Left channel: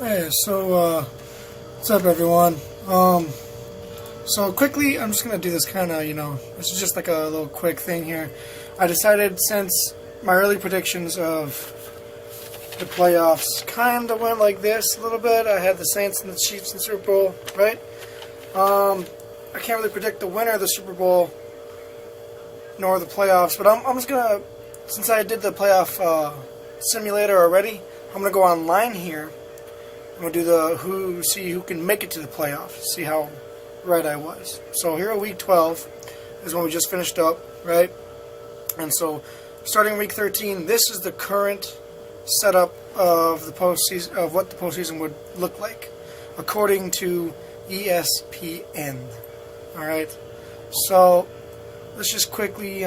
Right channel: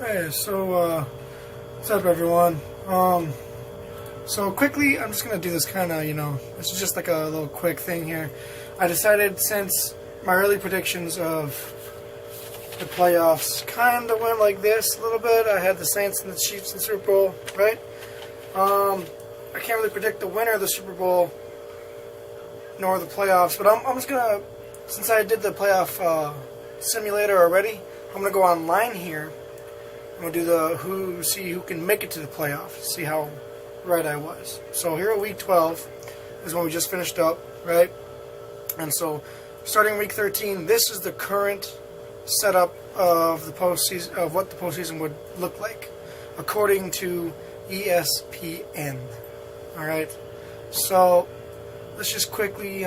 Hey, so what's up, everyone? So quickly, I'm just gonna do this kind of, this is just like a little quick thing here. I decided since my early predictions of the playoffs kind of went like this a little bit. I had the Saints and the Chiefs in the Super Bowl, right? I can't really predict the winner of the Super Bowl nor the playoffs, but I'm just gonna, since I did the playoff simulator already, I'm gonna go online here. I'm going to do see who can make it to the playoffs, see how right I was. So here at week 12 is when we just finished up, right? And so starting week 13, this is the current setup of the postseason, of what the postseason would look like, according to ESPN. All right. So let's just quickly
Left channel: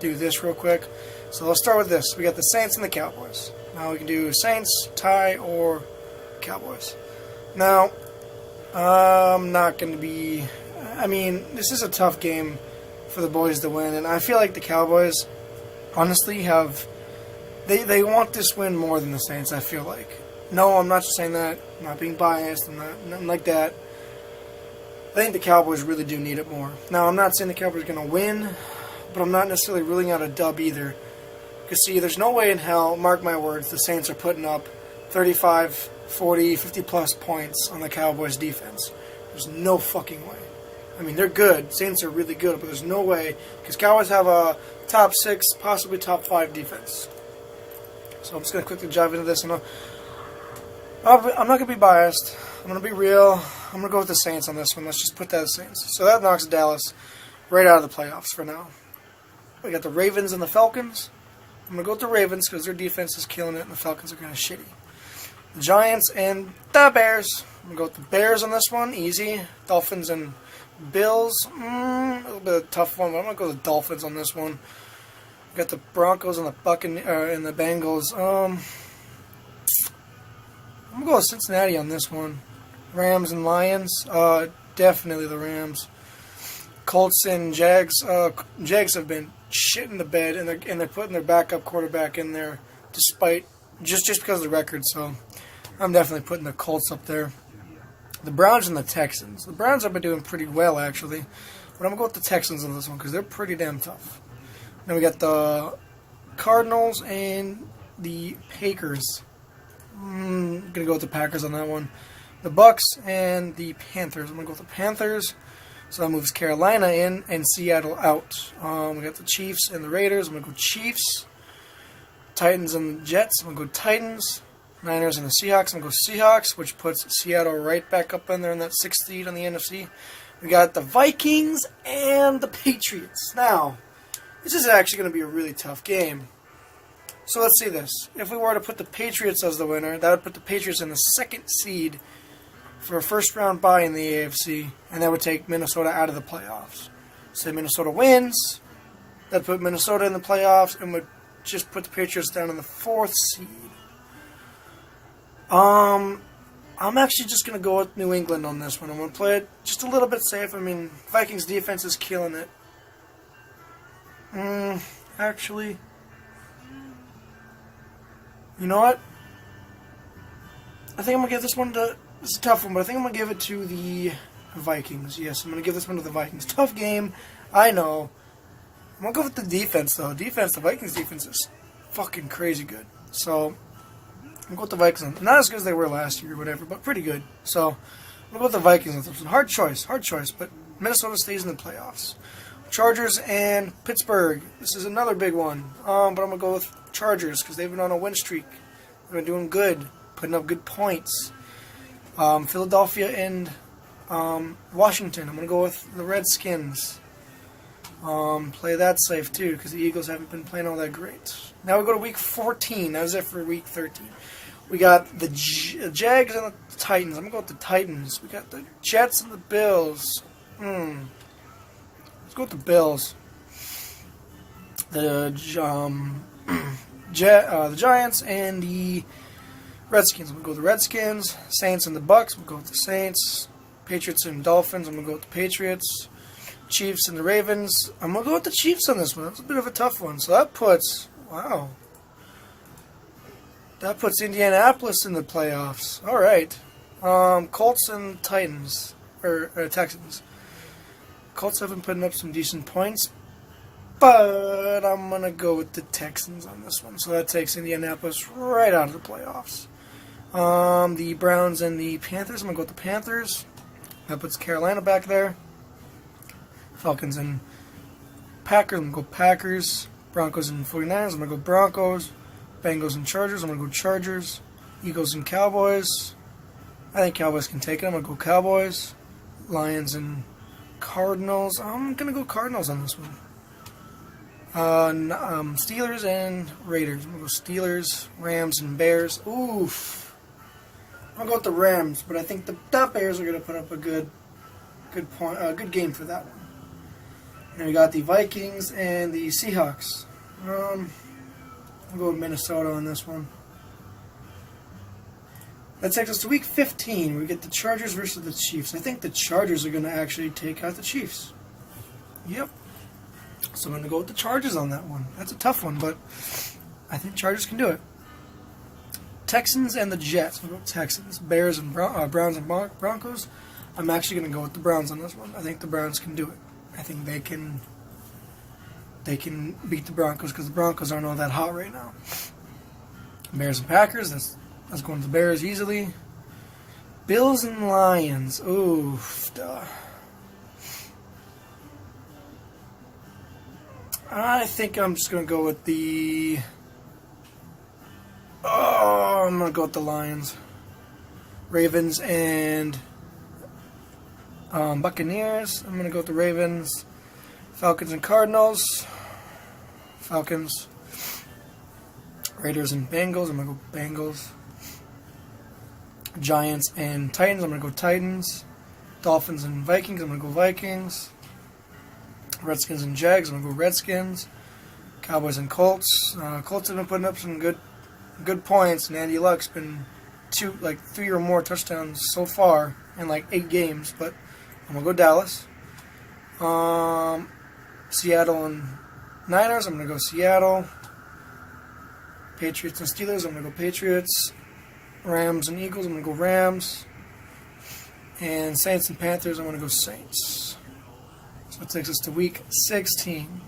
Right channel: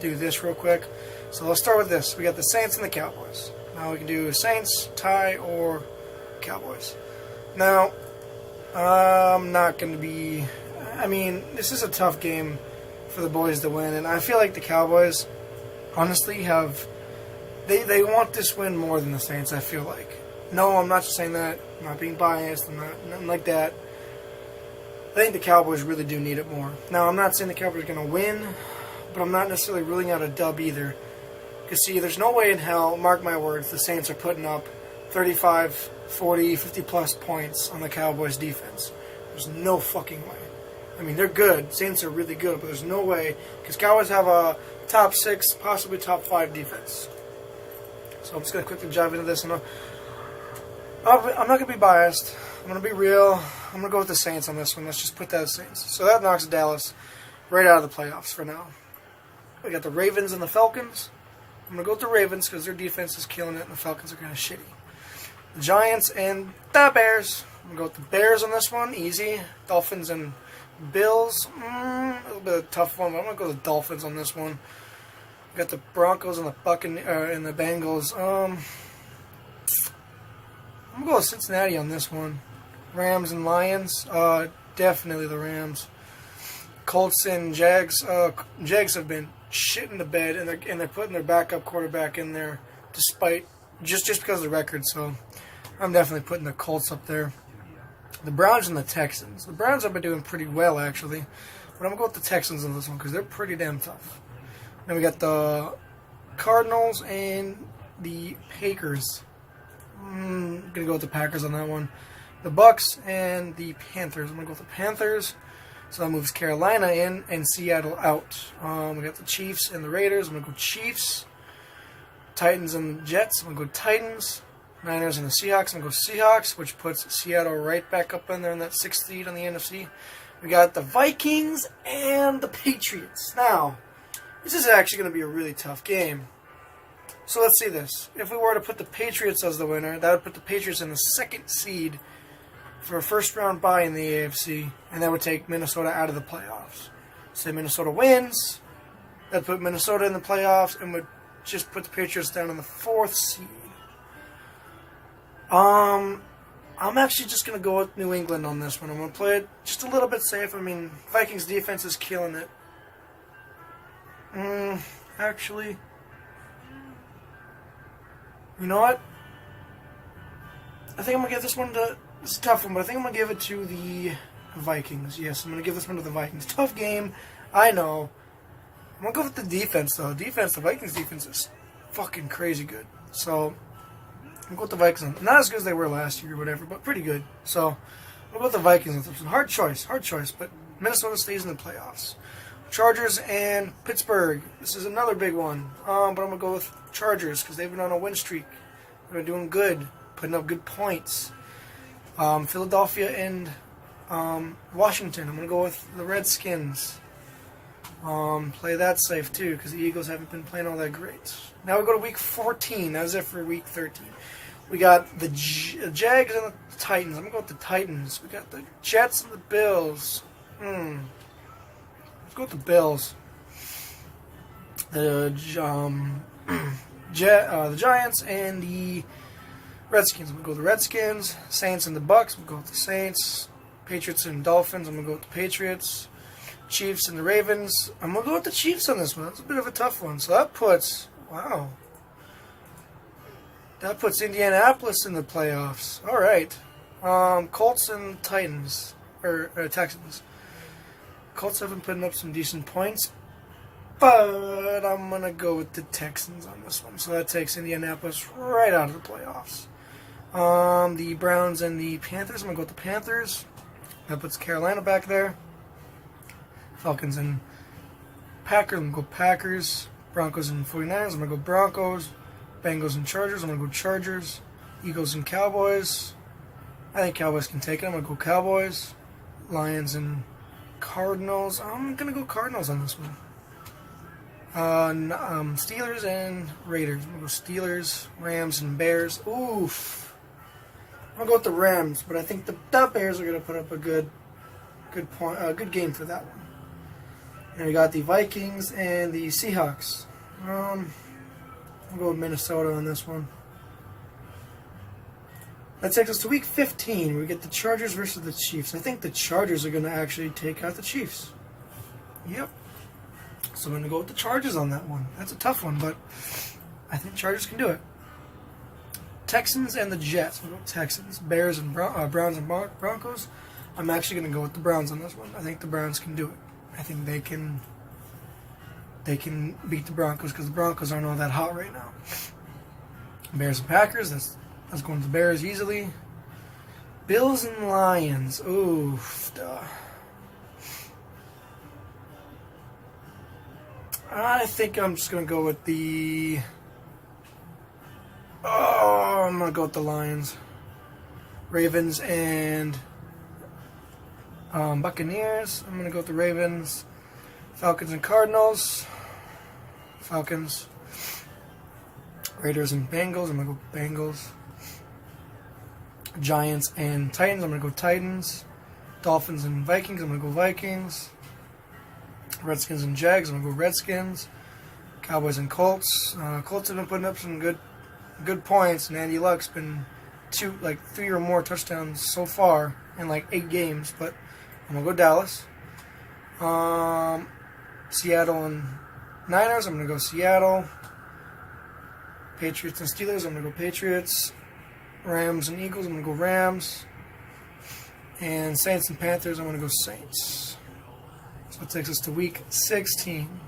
do this real quick. So let's start with this. We got the Saints and the Cowboys. Now we can do Saints, tie, or Cowboys. Now, I'm not going to be... I mean, this is a tough game for the boys to win, and I feel like the Cowboys, honestly, have... They want this win more than the Saints, I feel like. No, I'm not just saying that. I'm not being biased. I'm not, nothing like that. I think the Cowboys really do need it more. Now, I'm not saying the Cowboys are going to win, but I'm not necessarily ruling out a dub either. Because, see, there's no way in hell, mark my words, the Saints are putting up 35, 40, 50-plus points on the Cowboys' defense. There's no fucking way. I mean, they're good. Saints are really good, but there's no way. Because Cowboys have a top 6, possibly top 5 defense. So I'm just going to quickly dive into this. I'm not going to be biased. I'm going to be real. I'm going to go with the Saints on this one. Let's just put that as Saints. So that knocks Dallas right out of the playoffs for now. We got the Ravens and the Falcons. I'm going to go with the Ravens because their defense is killing it and the Falcons are kind of shitty. Giants and the Bears. I'm going to go with the Bears on this one. Easy. Dolphins and Bills. A little bit of a tough one, but I'm going to go with the Dolphins on this one. We got the Broncos and the Bengals. I'm going to go with Cincinnati on this one. Rams and Lions. Definitely the Rams. Colts and Jags. Jags have been shitting the bed, and they're putting their backup quarterback in there despite just because of the record. So I'm definitely putting the Colts up there. The Browns and the Texans. The Browns have been doing pretty well, actually. But I'm going to go with the Texans on this one because they're pretty damn tough. Then we got the Cardinals and the Packers. I'm going to go with the Packers on that one. The Bucks and the Panthers. I'm going to go with the Panthers. So that moves Carolina in and Seattle out. We got the Chiefs and the Raiders. I'm going to go Chiefs. Titans and the Jets. I'm going to go Titans. Niners and the Seahawks. I'm going to go Seahawks, which puts Seattle right back up in there in that 6th seed on the NFC. We got the Vikings and the Patriots. Now, this is actually going to be a really tough game. So let's see this. If we were to put the Patriots as the winner, that would put the Patriots in the 2nd seed for a first-round bye in the AFC, and that would take Minnesota out of the playoffs. Say Minnesota wins, that'd put Minnesota in the playoffs, and would just put the Patriots down in the 4th seed. I'm actually just going to go with New England on this one. I'm going to play it just a little bit safe. I mean, Vikings defense is killing it. Actually, you know what? I think I'm going to give this one to... It's a tough one, but I think I'm going to give it to the Vikings. Yes, I'm going to give this one to the Vikings. Tough game, I know. I'm going to go with the defense, though. The Vikings defense is fucking crazy good. So, I'm going to go with the Vikings. Not as good as they were last year or whatever, but pretty good. So, I'm going to go with the Vikings. It's a hard choice, but Minnesota stays in the playoffs. Chargers and Pittsburgh. This is another big one. But I'm going to go with Chargers because they've been on a win streak. They're doing good, putting up good points. Philadelphia and Washington. I'm going to go with the Redskins. Play that safe too because the Eagles haven't been playing all that great. Now we go to week 14. That was it for week 13. We got the Jags and the Titans. I'm going to go with the Titans. We got the Jets and the Bills. Let's go with the Bills. The Giants and the Redskins. I'm going to go with the Redskins. Saints and the Bucks. I'm going to go with the Saints. Patriots and Dolphins. I'm going to go with the Patriots. Chiefs and the Ravens. I'm going to go with the Chiefs on this one. That's a bit of a tough one. So that puts... Wow. That puts Indianapolis in the playoffs. All right. Colts and Titans, or Texans. Colts have been putting up some decent points, but I'm going to go with the Texans on this one. So that takes Indianapolis right out of the playoffs. The Browns and the Panthers. I'm going to go with the Panthers. That puts Carolina back there. Falcons and Packers. I'm going to go Packers. Broncos and 49ers. I'm going to go Broncos. Bengals and Chargers. I'm going to go Chargers. Eagles and Cowboys. I think Cowboys can take it. I'm going to go Cowboys. Lions and Cardinals. I'm going to go Cardinals on this one. Steelers and Raiders. I'm going to go Steelers, Rams, and Bears. Oof. I'm going to go with the Rams, but I think the Bears are going to put up a good game for that one. And we got the Vikings and the Seahawks. I'll go with Minnesota on this one. That takes us to week 15, where we get the Chargers versus the Chiefs. I think the Chargers are going to actually take out the Chiefs. Yep. So I'm going to go with the Chargers on that one. That's a tough one, but I think Chargers can do it. Texans and the Jets. I'm going to go Texans. Bears and Browns and Broncos. I'm actually going to go with the Browns on this one. I think the Browns can do it. I think they can beat the Broncos because the Broncos aren't all that hot right now. Bears and Packers. That's going to the Bears easily. Bills and Lions. Oof. I think I'm just going to go with the... I'm going to go with the Lions. Ravens and Buccaneers. I'm going to go with the Ravens. Falcons and Cardinals. Falcons. Raiders and Bengals. I'm going to go Bengals. Giants and Titans. I'm going to go Titans. Dolphins and Vikings. I'm going to go Vikings. Redskins and Jags. I'm going to go Redskins. Cowboys and Colts. Colts have been putting up some good points, and Andy Luck's been 3 or more touchdowns so far in 8 games. But I'm going to go Dallas. Seattle and Niners. I'm going to go Seattle. Patriots and Steelers. I'm going to go Patriots. Rams and Eagles. I'm going to go Rams. And Saints and Panthers. I'm going to go Saints. So it takes us to week 16.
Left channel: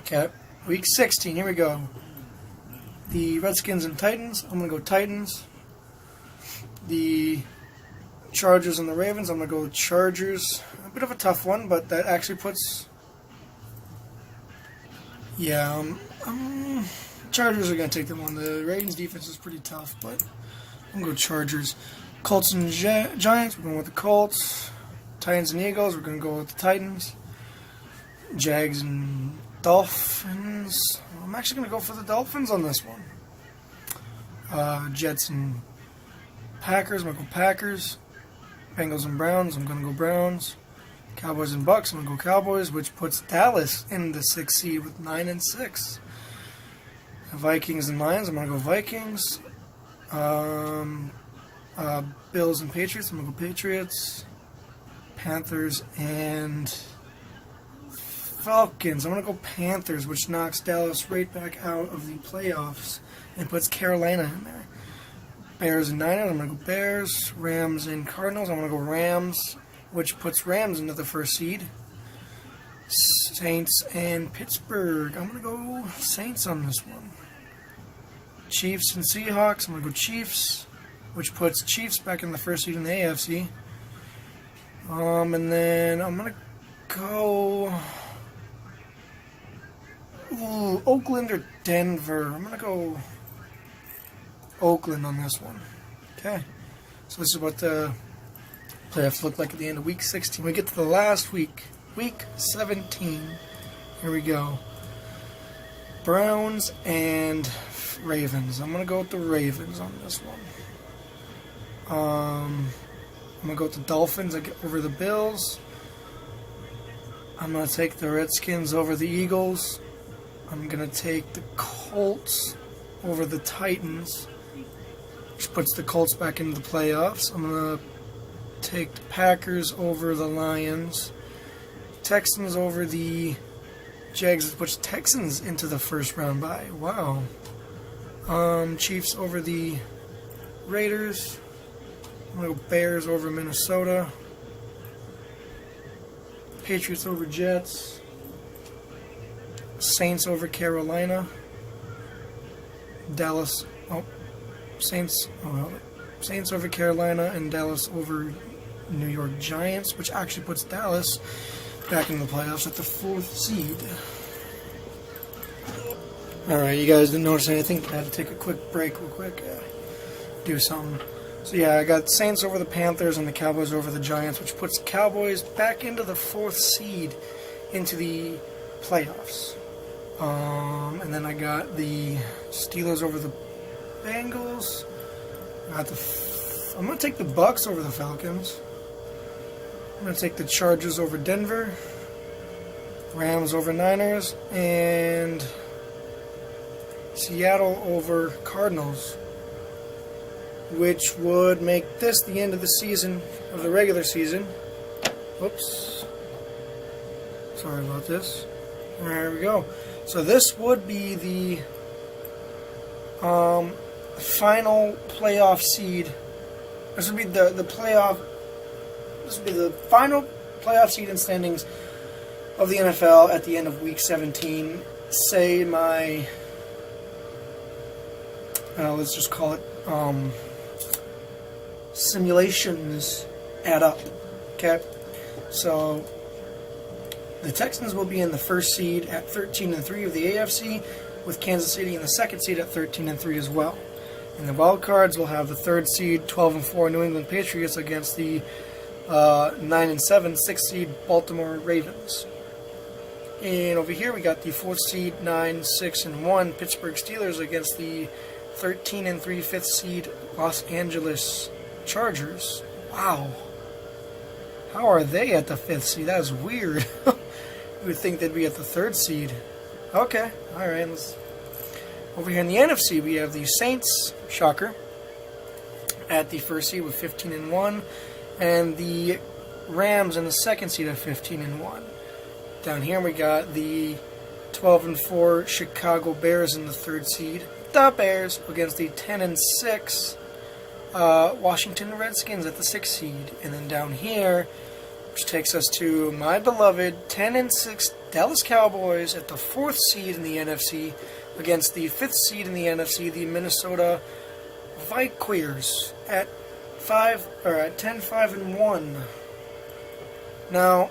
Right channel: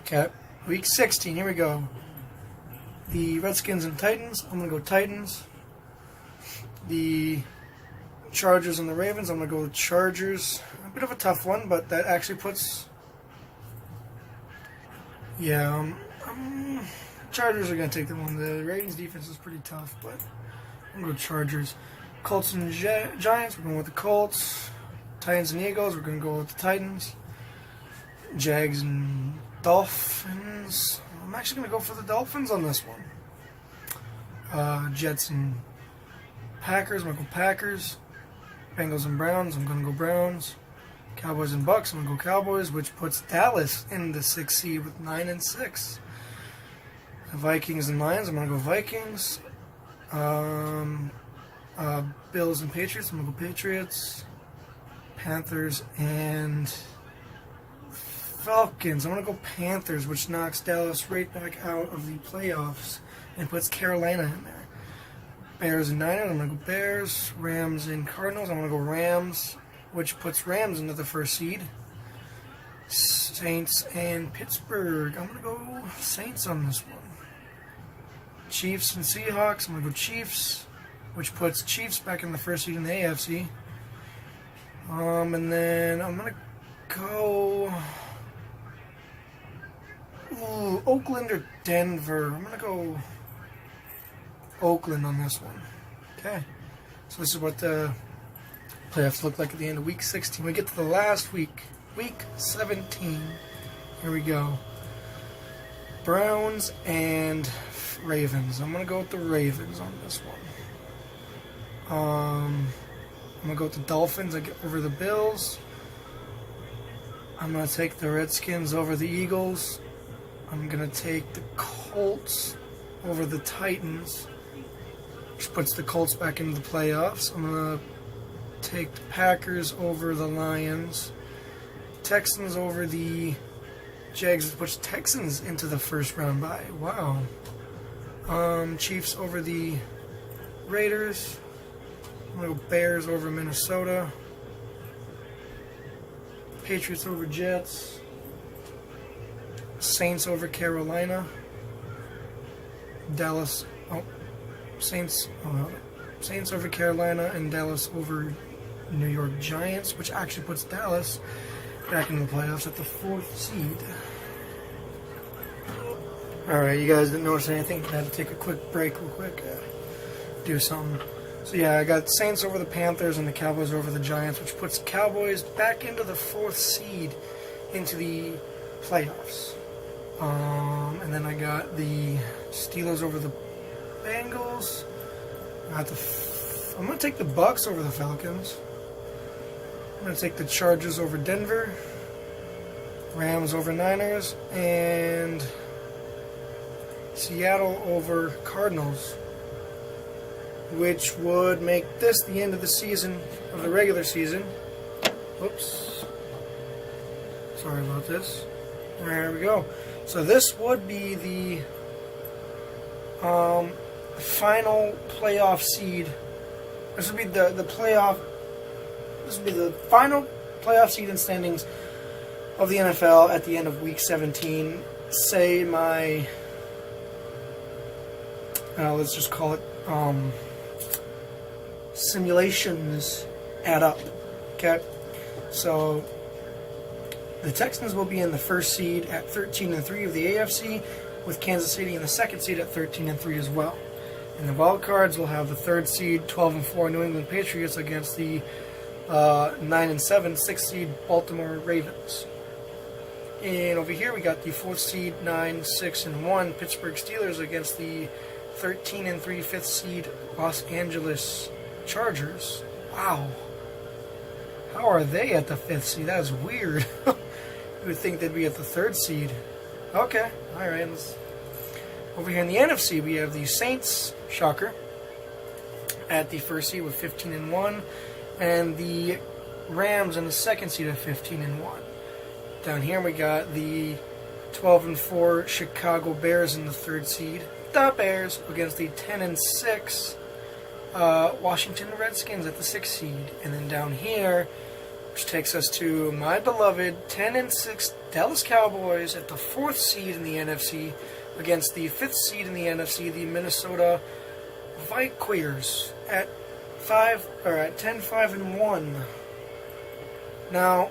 Okay, week 16. Here we go. The Redskins and Titans. I'm going to go Titans. The Chargers and the Ravens. I'm going to go Chargers. A bit of a tough one, but that actually puts... Yeah, Chargers are going to take the one. The Ravens defense is pretty tough, but I'm going to go Chargers. Colts and Giants. We're going with the Colts. Titans and Eagles. We're going to go with the Titans. Jags and Dolphins. I'm actually going to go for the Dolphins on this one. Jets and Packers. I'm going to go Packers. Bengals and Browns. I'm going to go Browns. Cowboys and Bucks. I'm going to go Cowboys, which puts Dallas in the 6th seed with 9-6. Vikings and Lions. I'm going to go Vikings. Bills and Patriots. I'm going to go Patriots. Panthers and Falcons. I'm going to go Panthers, which knocks Dallas right back out of the playoffs and puts Carolina in there. Bears and Niners. I'm going to go Bears. Rams and Cardinals. I'm going to go Rams, which puts Rams into the 1st seed. Saints and Pittsburgh. I'm going to go Saints on this one. Chiefs and Seahawks. I'm going to go Chiefs, which puts Chiefs back in the 1st seed in the AFC. And then I'm going to go Oakland or Denver. I'm going to go Oakland on this one. Okay. So this is what the playoffs look like at the end of week 16. We get to the last week, week 17. Here we go. Browns and Ravens. I'm going to go with the Ravens on this one. I'm going to go with the Dolphins over the Bills. I'm going to take the Redskins over the Eagles. I'm going to take the Colts over the Titans, which puts the Colts back into the playoffs. I'm going to take the Packers over the Lions. Texans over the Jags, which puts Texans into the 1st round bye. Wow. Chiefs over the Raiders. I'm going to go Bears over Minnesota. Patriots over Jets. Saints over Carolina. Dallas. Saints over Carolina, and Dallas over New York Giants, which actually puts Dallas back in the playoffs at the 4th seed. Alright, you guys didn't notice anything, but I had to take a quick break real quick. Do something. So yeah, I got Saints over the Panthers and the Cowboys over the Giants, which puts the Cowboys back into the 4th seed into the playoffs. And then I got the Steelers over the Bengals. I'm going to take the Bucks over the Falcons. I'm going to take the Chargers over Denver. Rams over Niners. And Seattle over Cardinals, which would make this the end of the season, of the regular season. Whoops. Sorry about this. There we go. So this would be the final playoff seed. This would be the playoff. This would be the final playoff seed in standings of the NFL at the end of Week 17. Say my, let's just call it simulations add up. Okay, so the Texans will be in the 1st seed at 13-3 of the AFC, with Kansas City in the 2nd seed at 13-3 as well. In the wild cards, we'll have the 3rd seed 12-4 New England Patriots against the 9-7 6th seed Baltimore Ravens. And over here we got the 4th seed 9-6-1 Pittsburgh Steelers against the 13-3 5th seed Los Angeles Chargers. Wow. How are they at the 5th seed? That is weird. You would think they'd be at the 3rd seed. Okay, alright. Over here in the NFC, we have the Saints, shocker, at the 1st seed with 15-1, and the Rams in the 2nd seed at 15-1. Down here we got the 12-4 Chicago Bears in the 3rd seed. The Bears against the 10-6 Washington Redskins at the 6th seed. And then down here, which takes us to my beloved 10-6 Dallas Cowboys at the 4th seed in the NFC against the 5th seed in the NFC, the Minnesota Vikings at 10-5-1. Now,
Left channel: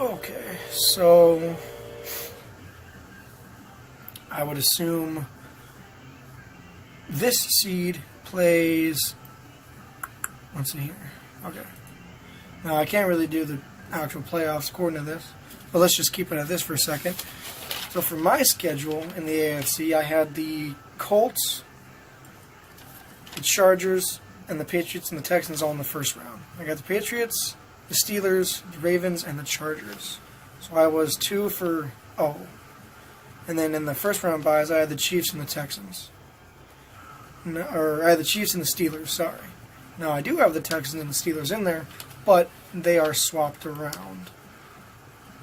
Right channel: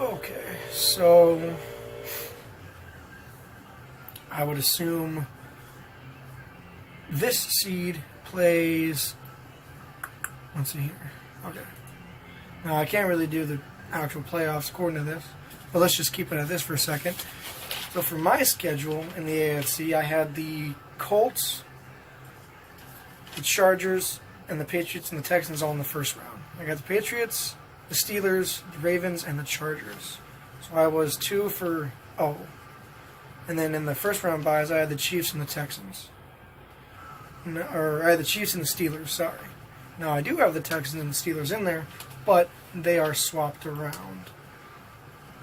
okay, so I would assume this seed plays. Let's see here. Okay. Now I can't really do the actual playoffs according to this, but let's just keep it at this for a second. So for my schedule in the AFC, I had the Colts, the Chargers, and the Patriots and the Texans all in the 1st round. I got the Patriots, the Steelers, the Ravens, and the Chargers. So I was 2-0. And then in the 1st round buys, I had the Chiefs and the Texans. Or I had the Chiefs and the Steelers, sorry. Now I do have the Texans and the Steelers in there, but they are swapped around.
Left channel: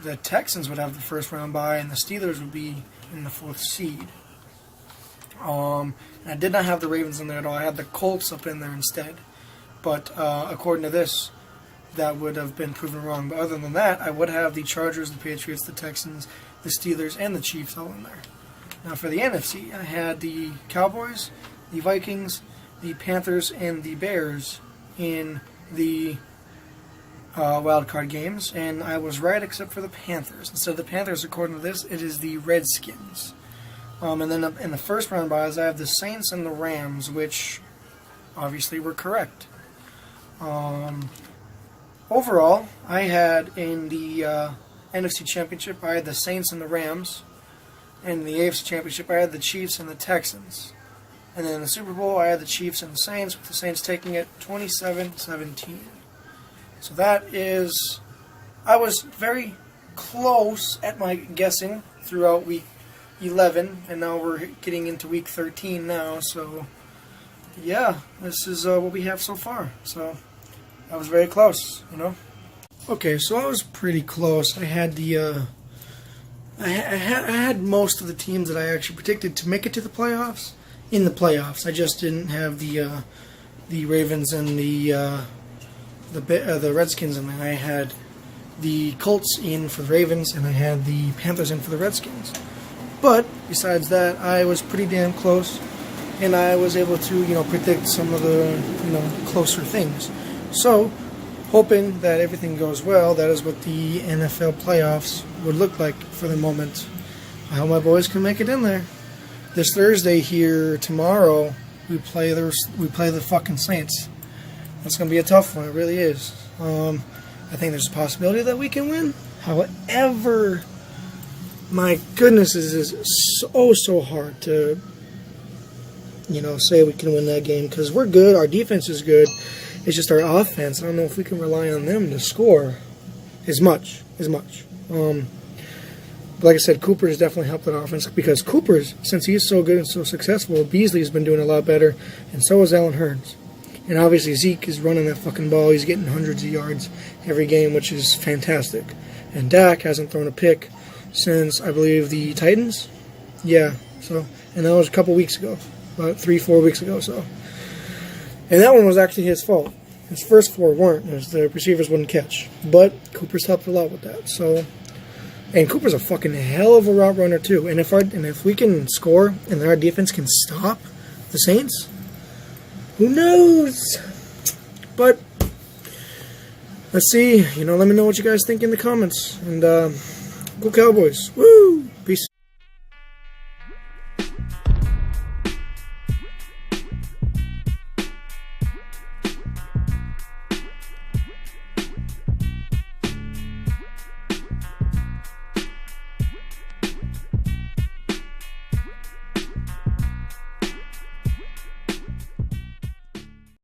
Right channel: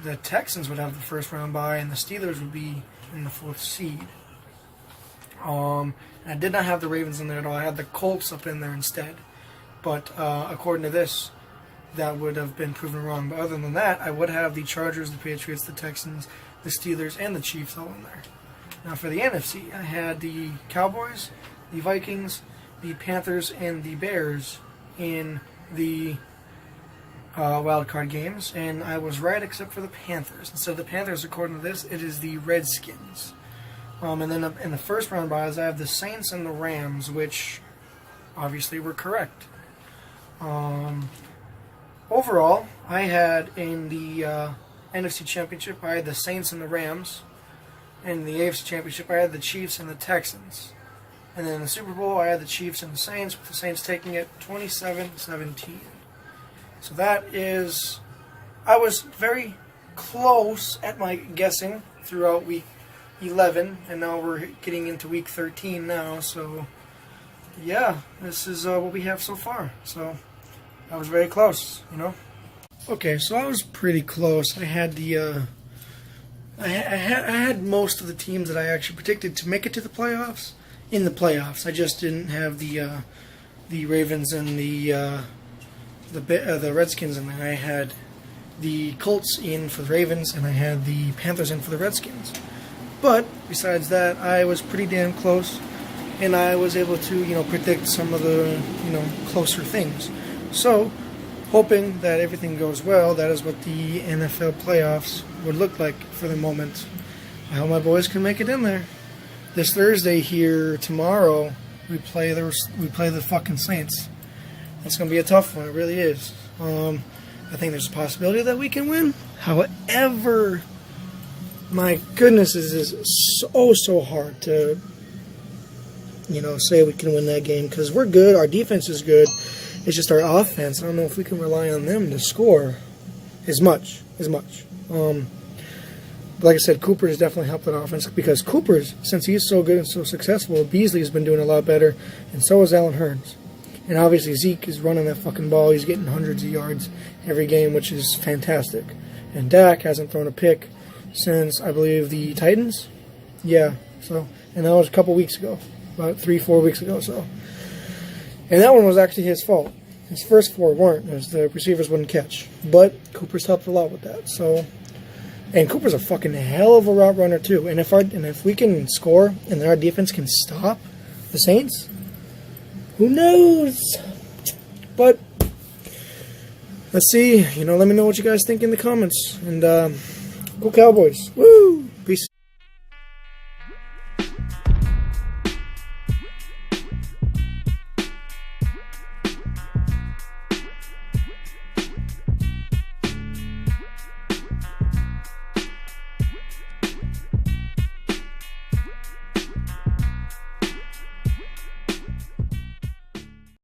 The Texans would have the 1st round bye, and the Steelers would be in the 4th seed. I did not have the Ravens in there at all. I had the Colts up in there instead. But according to this, that would have been proven wrong. But other than that, I would have the Chargers, the Patriots, the Texans, the Steelers, and the Chiefs all in there. Now for the NFC, I had the Cowboys, the Vikings, the Panthers, and the Bears in the wild card games, and I was right except for the Panthers. Instead of the Panthers, according to this, it is the Redskins. And then in the 1st round buys, I have the Saints and the Rams, which obviously were correct. Overall, I had in the NFC Championship, I had the Saints and the Rams. And in the AFC Championship, I had the Chiefs and the Texans. And then in the Super Bowl, I had the Chiefs and the Saints, with the Saints taking it 27-17. So that is, I was very close at my guessing throughout week 11, and now we're getting into week 13 now, so yeah, this is what we have so far. So I was very close, you know. Okay, so I was pretty close. I had the I had most of the teams that I actually predicted to make it to the playoffs in the playoffs. I just didn't have the Ravens and the Redskins in there. I had the Colts in for the Ravens, and I had the Panthers in for the Redskins. But besides that, I was pretty damn close, and I was able to, predict some of the, closer things. So, hoping that everything goes well, that is what the NFL playoffs would look like for the moment. I hope my boys can make it in there. This Thursday here, tomorrow, we play the fucking Saints. That's going to be a tough one. It really is. I think there's a possibility that we can win. However, my goodness, it is so hard to, say we can win that game because we're good. Our defense is good. It's just our offense. I don't know if we can rely on them to score as much. But like I said, Cooper has definitely helped that offense because Cooper's, since he's so good and so successful, Beasley's been doing a lot better, and so is Allen Hurns. And obviously Zeke is running that fucking ball. He's getting hundreds of yards every game, which is fantastic. And Dak hasn't thrown a pick since, I believe, the Titans. Yeah, and that was a couple weeks ago, about 3-4 weeks ago. And that one was actually his fault. His first 4 weren't, as the receivers wouldn't catch. But Cooper's helped a lot with that. And Cooper's a fucking hell of a route runner too. And if we can score and our defense can stop the Saints, who knows? But let's see. Let me know what you guys think in the comments. And go Cowboys. Woo!